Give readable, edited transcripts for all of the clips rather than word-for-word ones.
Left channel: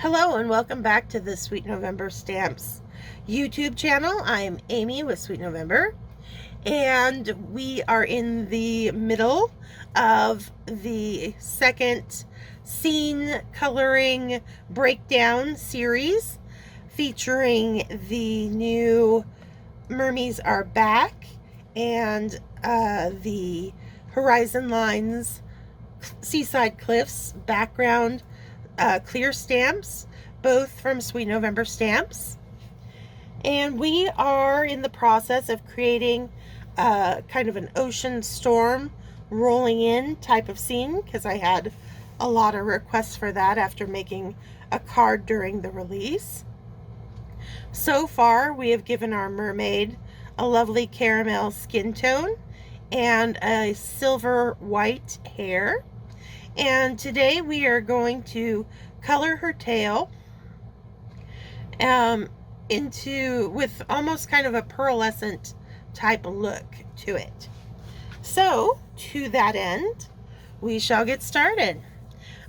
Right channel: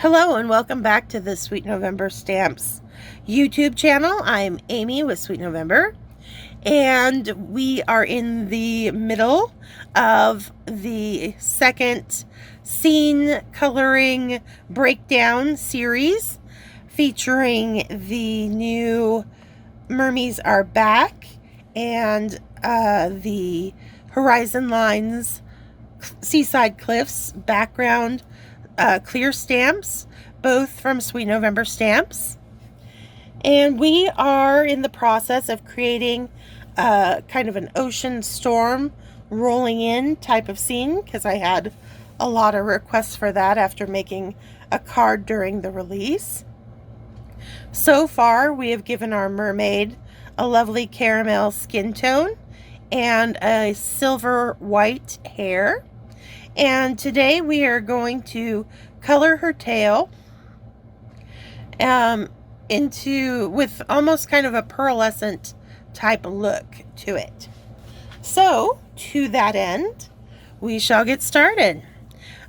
Hello and welcome back to the Sweet November Stamps YouTube channel. I'm Amy with Sweet November, and we are in the middle of the second scene coloring breakdown series featuring the new Mermees Are Back and the Horizon Lines Seaside Cliffs background clear stamps, both from Sweet November Stamps. And we are in the process of creating kind of an ocean storm rolling in type of scene, because I had a lot of requests for that after making a card during the release. So far, we have given our mermaid a lovely caramel skin tone and a silver white hair. And today we are going to color her tail with almost kind of a pearlescent type look to it. So to that end, we shall get started.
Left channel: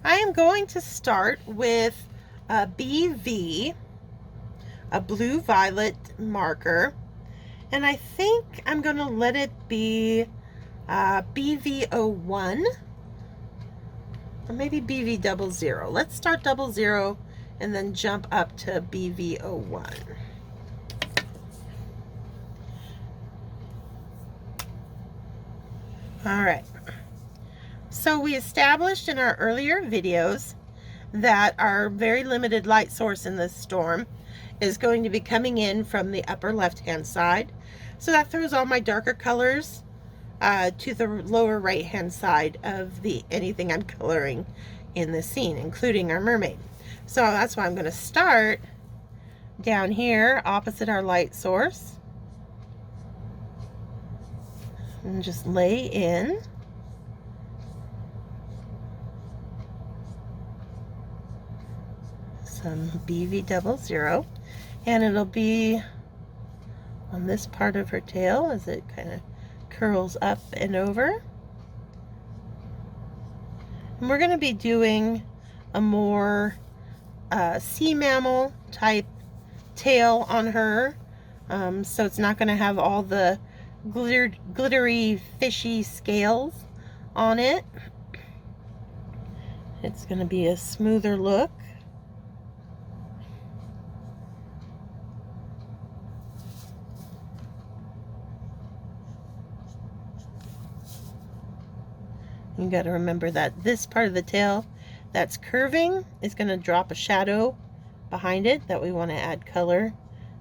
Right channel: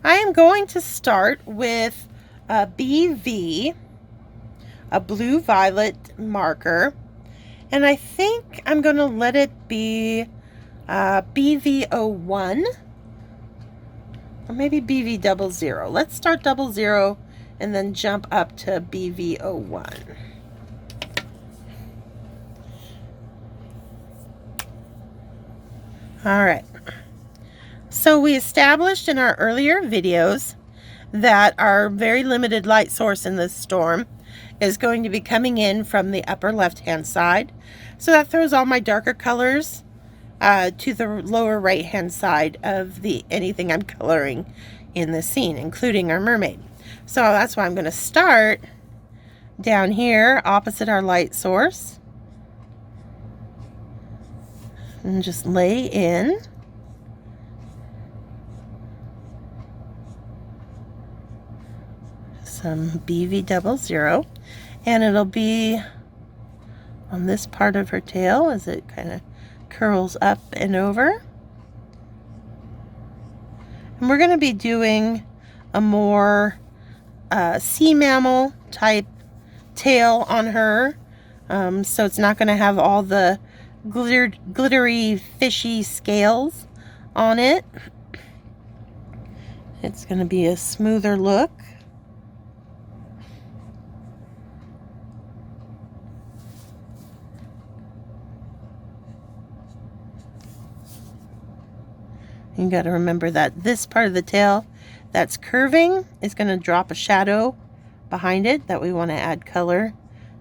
I am going to start with a BV, a blue violet marker, and I think I'm going to let it be BV01. Or maybe BV00. Let's start 00 and then jump up to BV01. All right. So we established in our earlier videos that our very limited light source in this storm is going to be coming in from the upper left-hand side. So that throws all my darker colors to the lower right hand side of anything I'm coloring in this scene, including our mermaid. So that's why I'm going to start down here opposite our light source and just lay in some BV00, and it'll be on this part of her tail as it kind of curls up and over. And we're going to be doing a more sea mammal type tail on her, so it's not going to have all the glittery fishy scales on it. It's going to be a smoother look. You got to remember that this part of the tail that's curving is going to drop a shadow behind it that we want to add color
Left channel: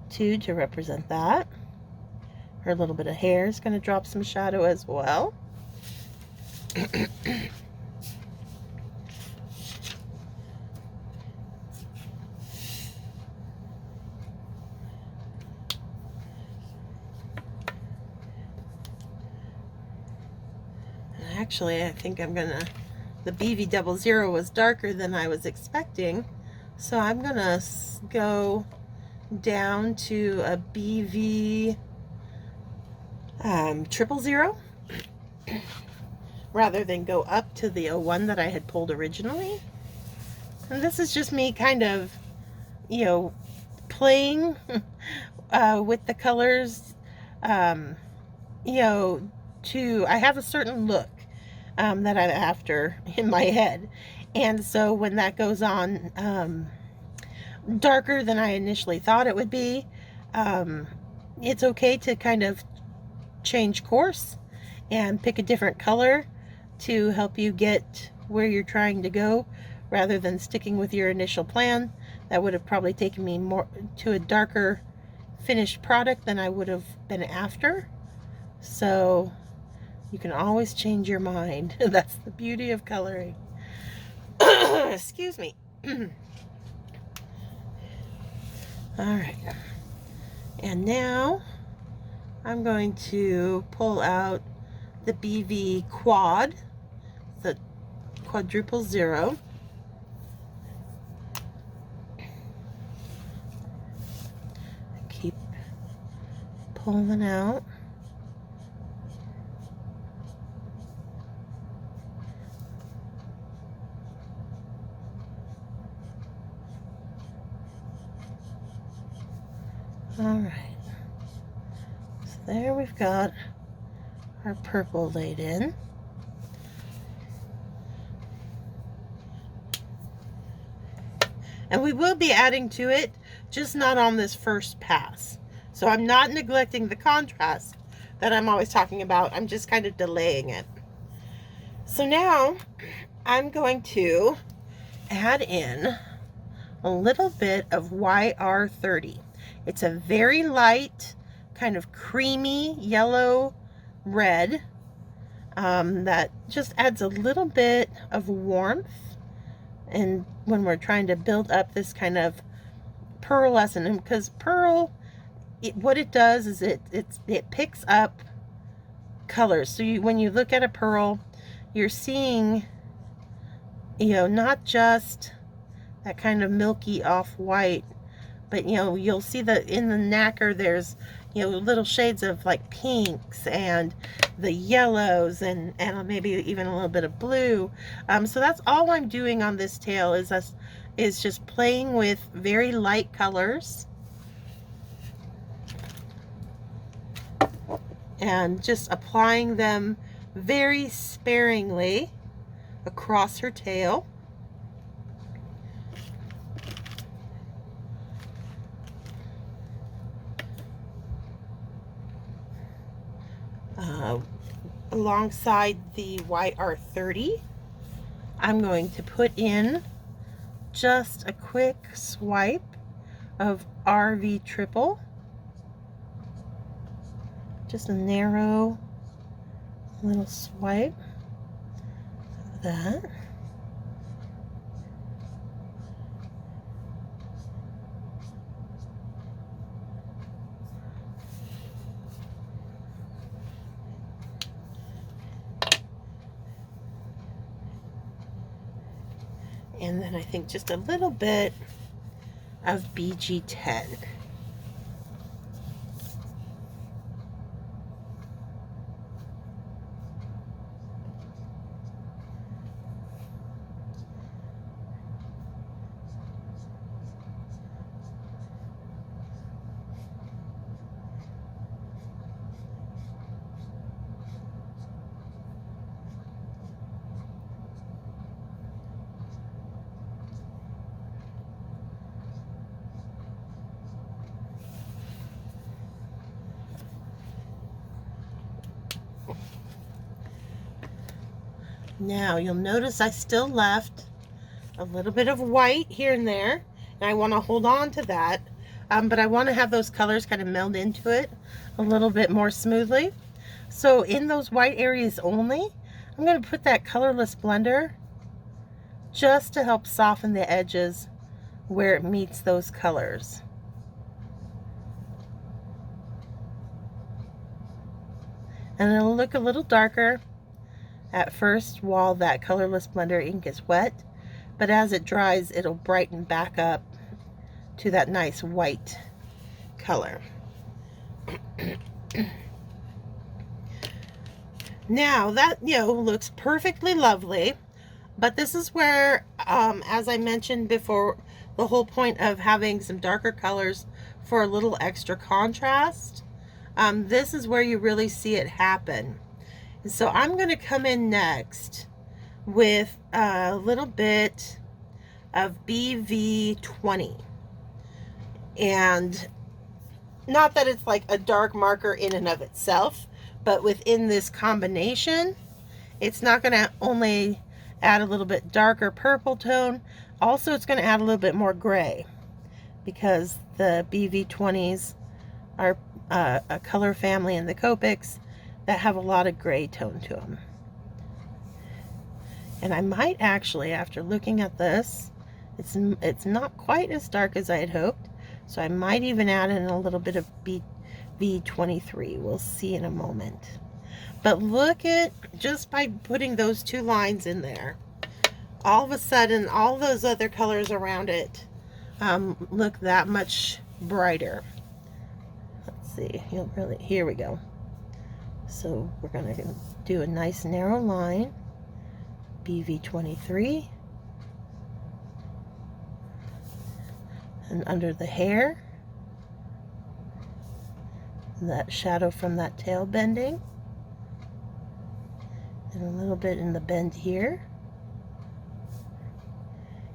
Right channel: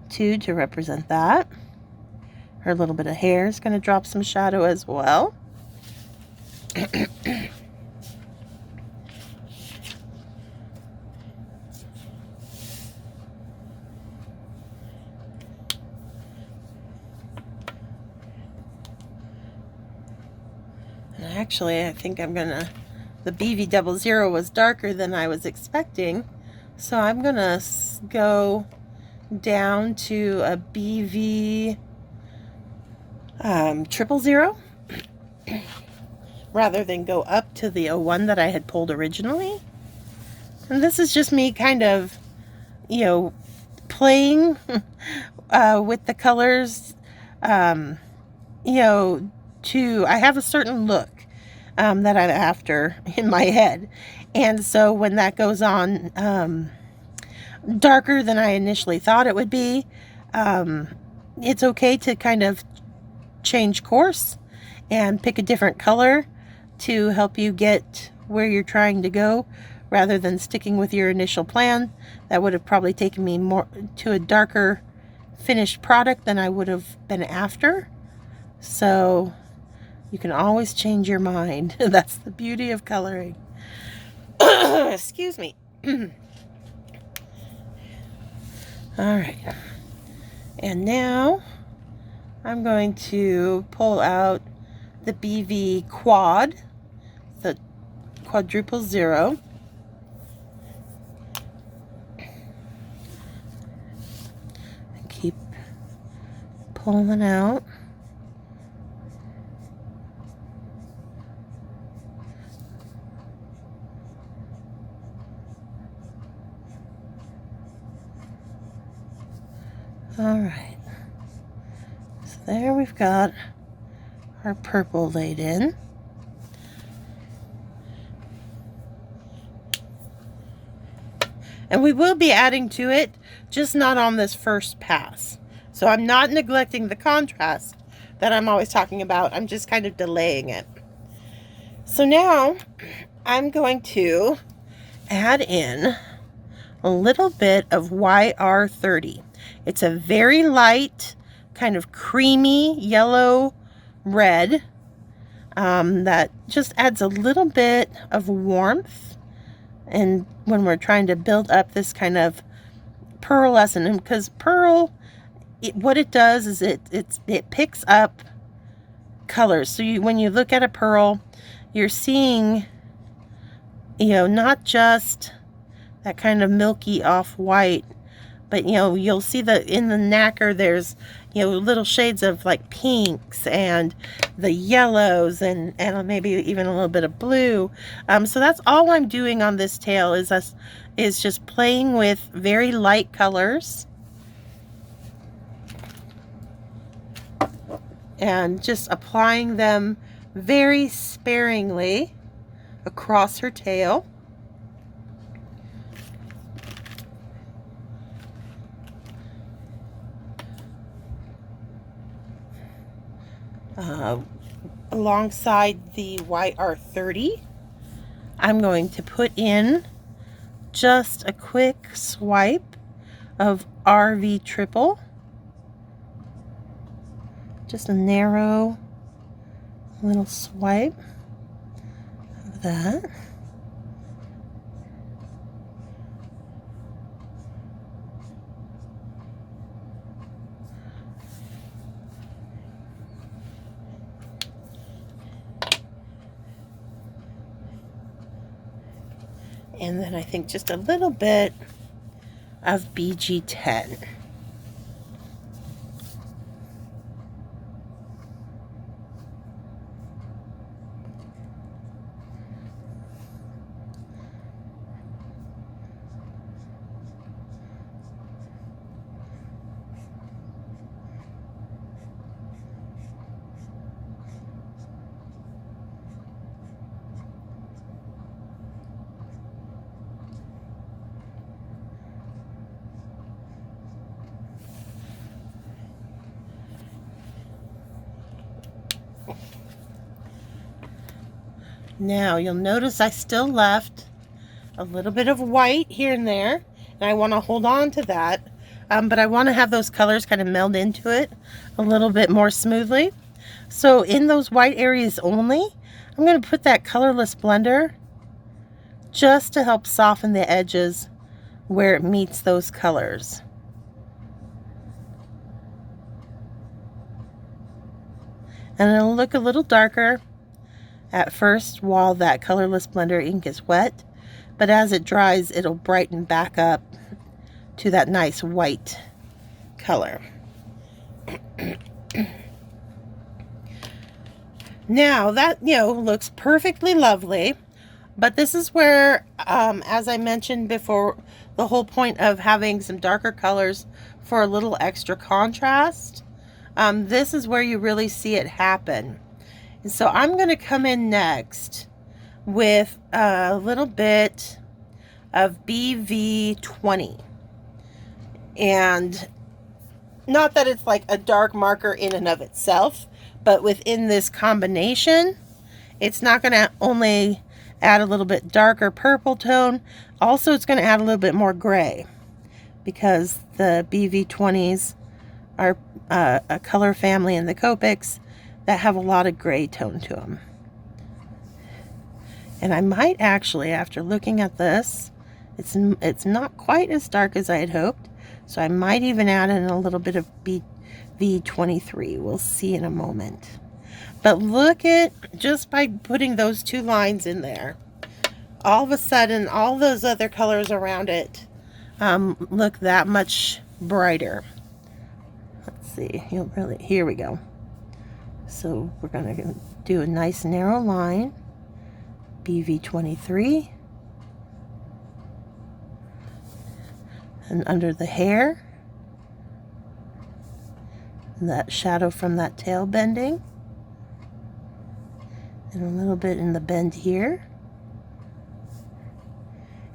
to represent that. Her little bit of hair is going to drop some shadow as well. Actually, I think I'm gonna, the BV00 was darker than I was expecting, so I'm gonna go down to a BV 000 rather than go up to the 01 that I had pulled originally. And this is just me kind of, playing with the colors, I have a certain look that I'm after in my head, and so when that goes on darker than I initially thought it would be, it's okay to kind of change course and pick a different color to help you get where you're trying to go, rather than sticking with your initial plan. That would have probably taken me more to a darker finished product than I would have been after. So you can always change your mind. That's the beauty of coloring. Excuse me. All right. And now I'm going to pull out the BV quad, the quadruple 0. And keep pulling out. All right. So there we've got our purple laid in. And we will be adding to it, just not on this first pass. So I'm not neglecting the contrast that I'm always talking about. I'm just kind of delaying it. So now I'm going to add in a little bit of YR30. It's a very light, kind of creamy yellow red that just adds a little bit of warmth. And when we're trying to build up this kind of pearlescent, and because pearl, what it does is it picks up colors. So when you look at a pearl, you're seeing, you know, not just that kind of milky off-white, but you know, you'll see that in the nacre there's, you know, little shades of like pinks and the yellows and maybe even a little bit of blue. So that's all I'm doing on this tail is just playing with very light colors and just applying them very sparingly across her tail. Alongside the YR30, I'm going to put in just a quick swipe of RV triple, just a narrow little swipe of that. And then I think just a little bit of BG10. Now you'll notice I still left a little bit of white here and there, and I want to hold on to that, but I want to have those colors kind of meld into it a little bit more smoothly. So in those white areas only, I'm going to put that colorless blender just to help soften the edges where it meets those colors. And it'll look a little darker at first while that colorless blender ink is wet, but as it dries, it'll brighten back up to that nice white color. Now that, you know, looks perfectly lovely, but this is where, as I mentioned before, the whole point of having some darker colors for a little extra contrast, this is where you really see it happen. And so I'm going to come in next with a little bit of BV20. And not that it's like a dark marker in and of itself, but within this combination, it's not going to only add a little bit darker purple tone, also it's going to add a little bit more gray, because the BV20s are a color family in the Copics that have a lot of gray tone to them. And I might actually, after looking at this, it's not quite as dark as I had hoped, so I might even add in a little bit of BV23. We'll see in a moment. But look at, just by putting those two lines in there, all of a sudden all those other colors around it look that much brighter. Let's see, here we go. So we're going to do a nice narrow line, BV23, and under the hair, that shadow from that tail bending, and a little bit in the bend here.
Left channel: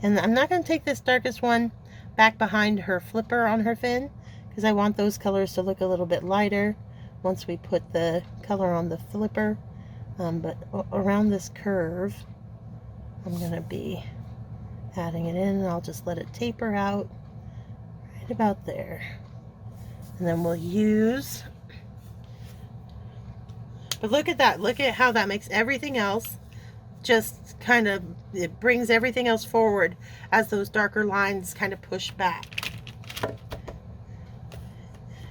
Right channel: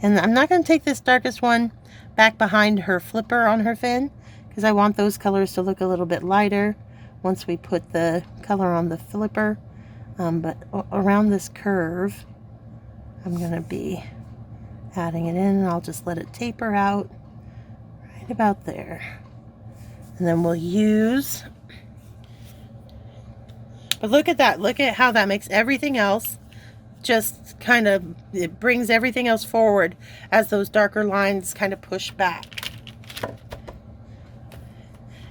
And I'm not going to take this darkest one back behind her flipper on her fin, because I want those colors to look a little bit lighter once we put the color on the flipper. But around this curve, I'm going to be adding it in, and I'll just let it taper out right about there. And then we'll use, but look at that, look at how that makes everything else just kind of, it brings everything else forward as those darker lines kind of push back.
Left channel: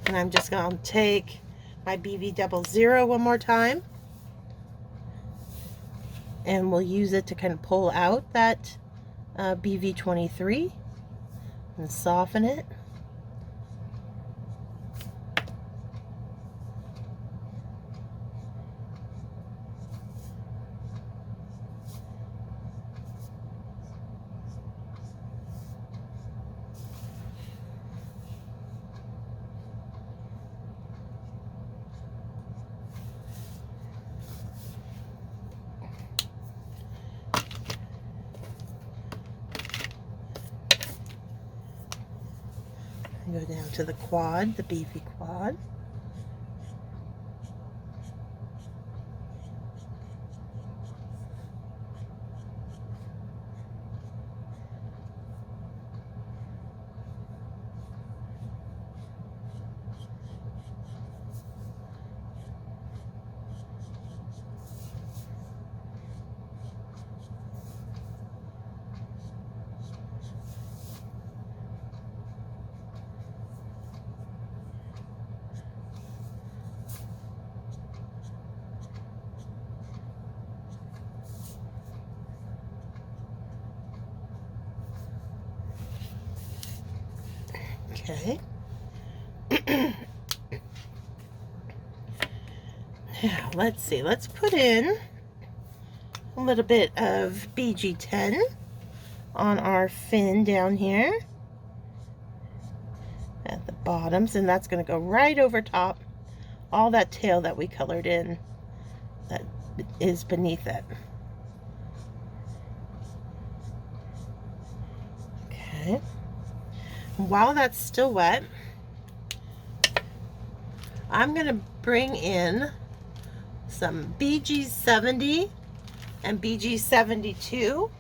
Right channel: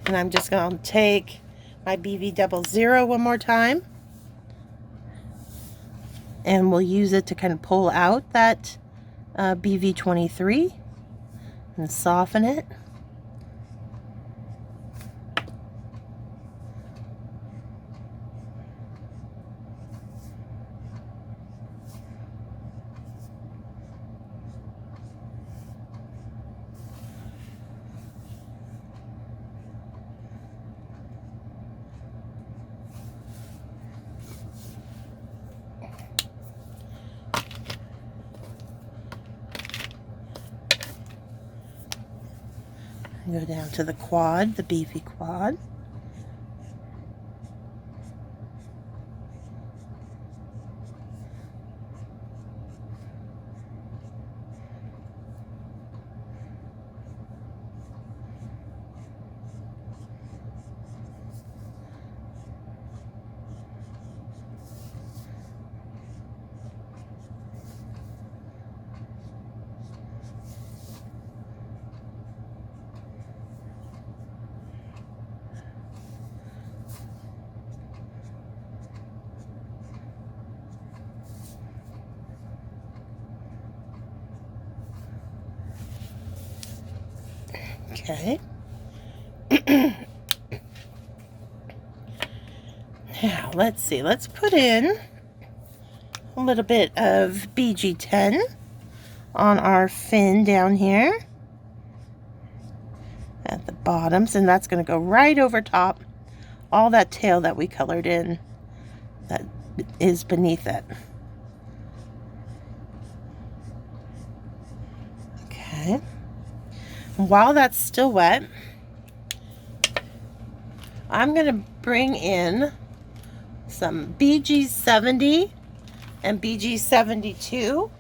And I'm just going to take my BV00 one more time, and we'll use it to kind of pull out that BV23 and soften it. Go down to the quad, the BV quad. Okay. Now, let's see. Let's put in a little bit of BG10 on our fin down here at the bottoms, and that's going to go right over top all that tail that we colored in that is beneath it. Okay. While that's still wet, I'm going to bring in some BG70 and BG72.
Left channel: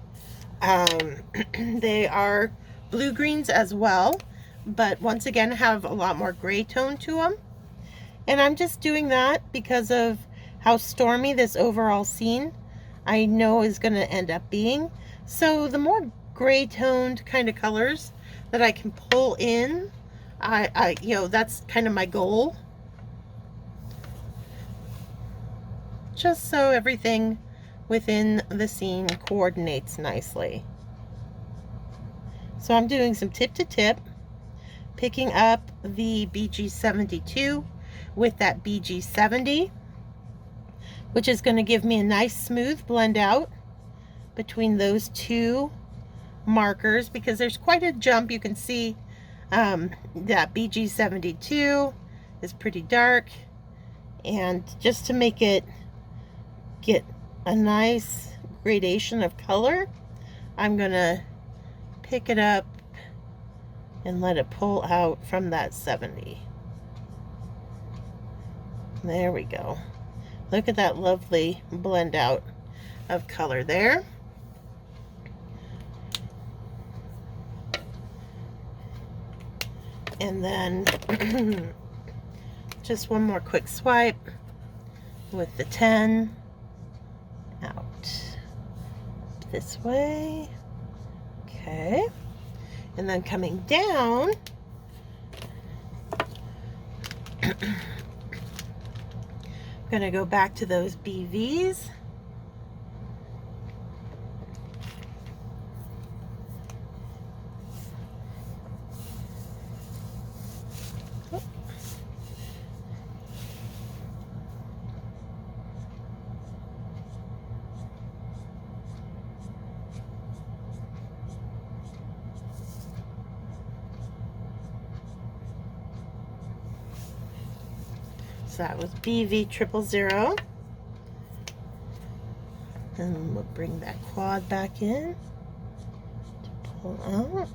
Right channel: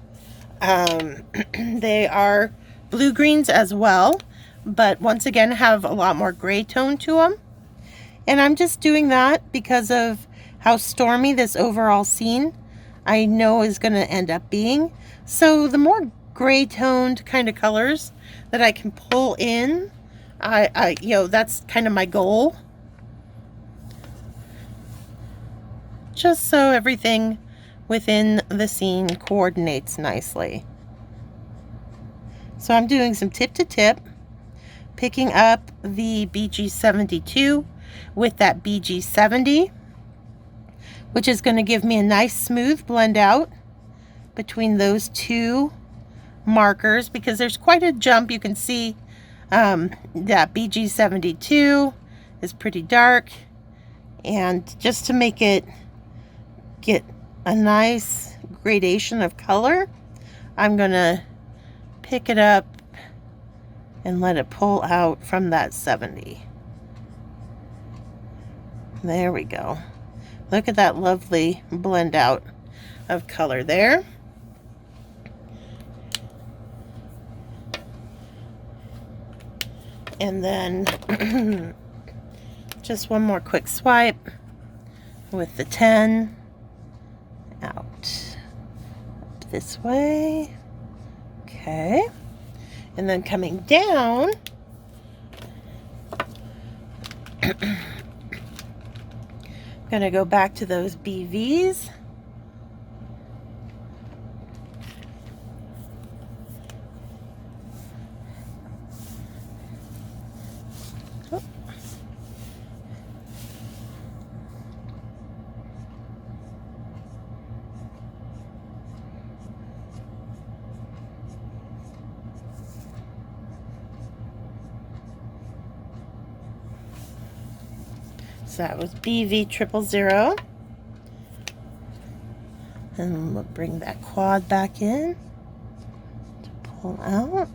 They are blue-greens as well, but once again have a lot more gray tone to them. And I'm just doing that because of how stormy this overall scene I know is going to end up being. So the more gray toned kind of colors that I can pull in, you know, that's kind of my goal. Just so everything within the scene coordinates nicely. So I'm doing some tip to tip, picking up the BG72 with that BG70, which is going to give me a nice smooth blend out between those two markers, because there's quite a jump. You can see that BG72 is pretty dark, and just to make it get a nice gradation of color, I'm gonna pick it up and let it pull out from that 70. There we go. Look at that lovely blend out of color there. And then just one more quick swipe with the 10 out up this way. Okay, and then coming down, I'm gonna go back to those BVs. So that was BV000. And we'll bring that quad back in to pull out.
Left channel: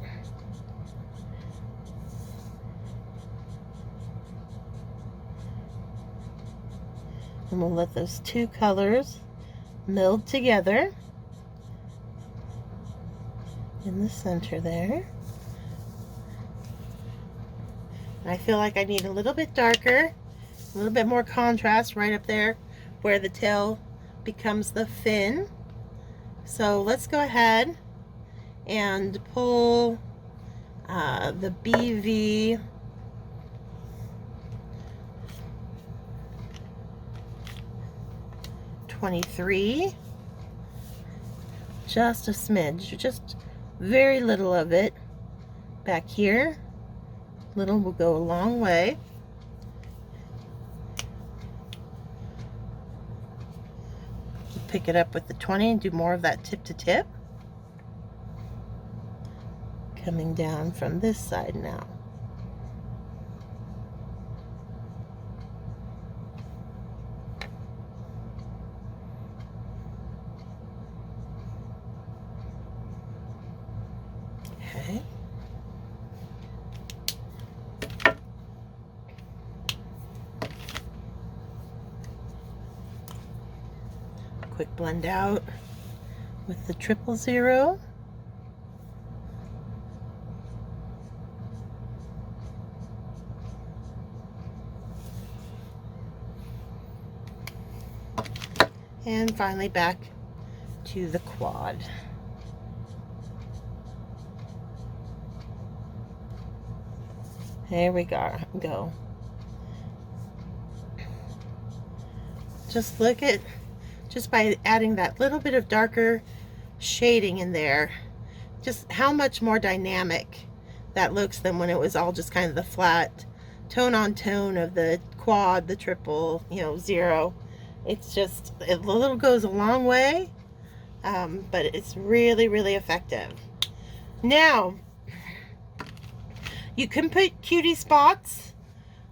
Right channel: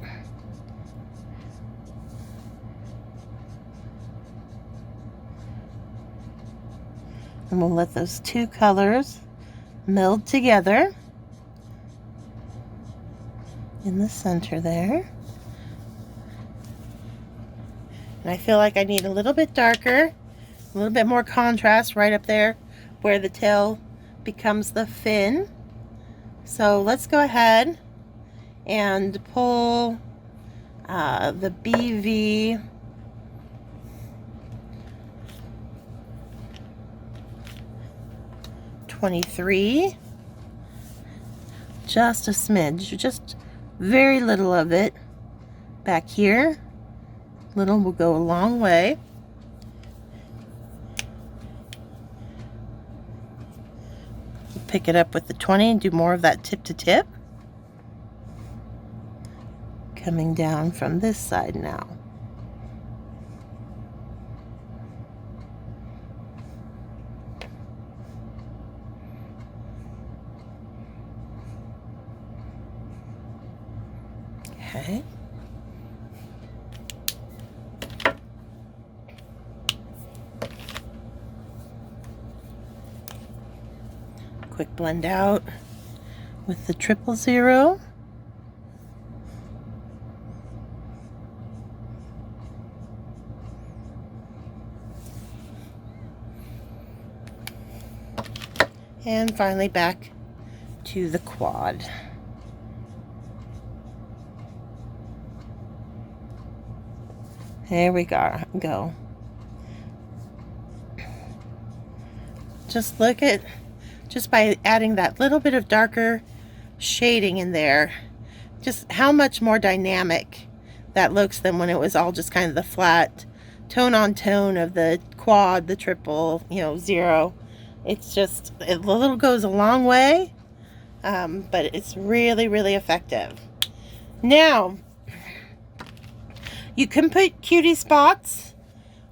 And we'll let those two colors meld together in the center there. And I feel like I need a little bit darker, a little bit more contrast right up there where the tail becomes the fin. So let's go ahead and pull the BV '23, just a smidge, just very little of it back here. Little will go a long way. We'll pick it up with the 20 and do more of that tip to tip. Coming down from this side now. Okay. Quick blend out with the 000. And finally back to the quad. There we go. Just look at, just by adding that little bit of darker shading in there, just how much more dynamic that looks than when it was all just kind of the flat tone on tone of the quad, the triple, you know, 0. It's just, it little goes a long way, but it's really, really effective. Now, you can put cutie spots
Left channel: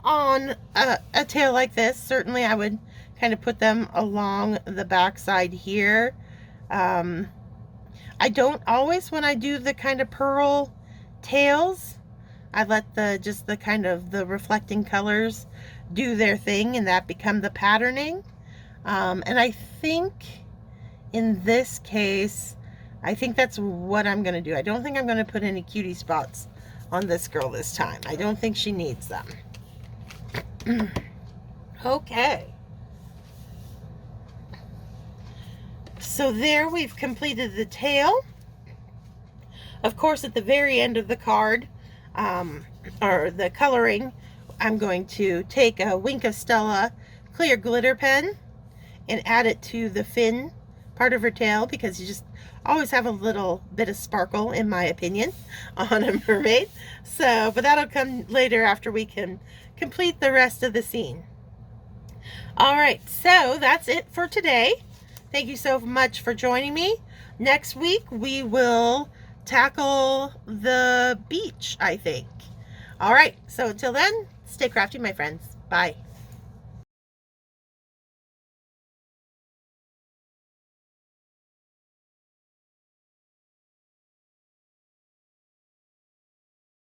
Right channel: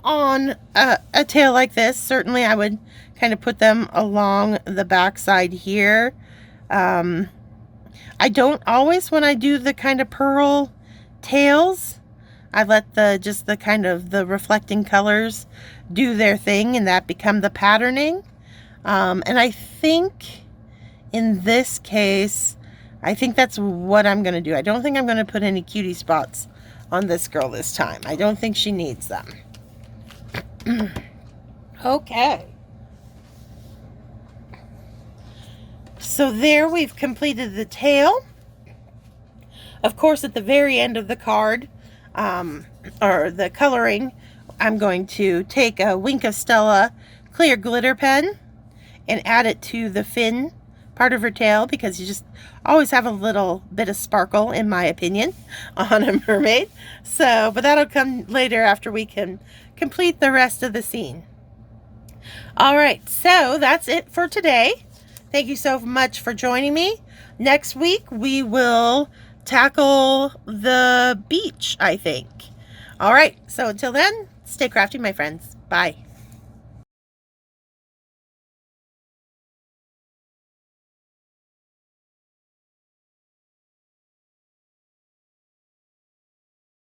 on a tail like this. Certainly I would kind of put them along the back side here. I don't always, when I do the kind of pearl tails, I let just the kind of the reflecting colors do their thing and that become the patterning. And I think in this case, I think that's what I'm going to do. I don't think I'm going to put any cutie spots on this girl this time. I don't think she needs them. Okay. So there we've completed the tail. Of course, at the very end of the card, or the coloring, I'm going to take a Wink of Stella clear glitter pen and add it to the fin part of her tail, because you just always have a little bit of sparkle, in my opinion, on a mermaid. So, but that'll come later after we can complete the rest of the scene. All right, so that's it for today. Thank you so much for joining me. Next week, we will tackle the beach, I think. All right, so until then, stay crafty, my friends. Bye.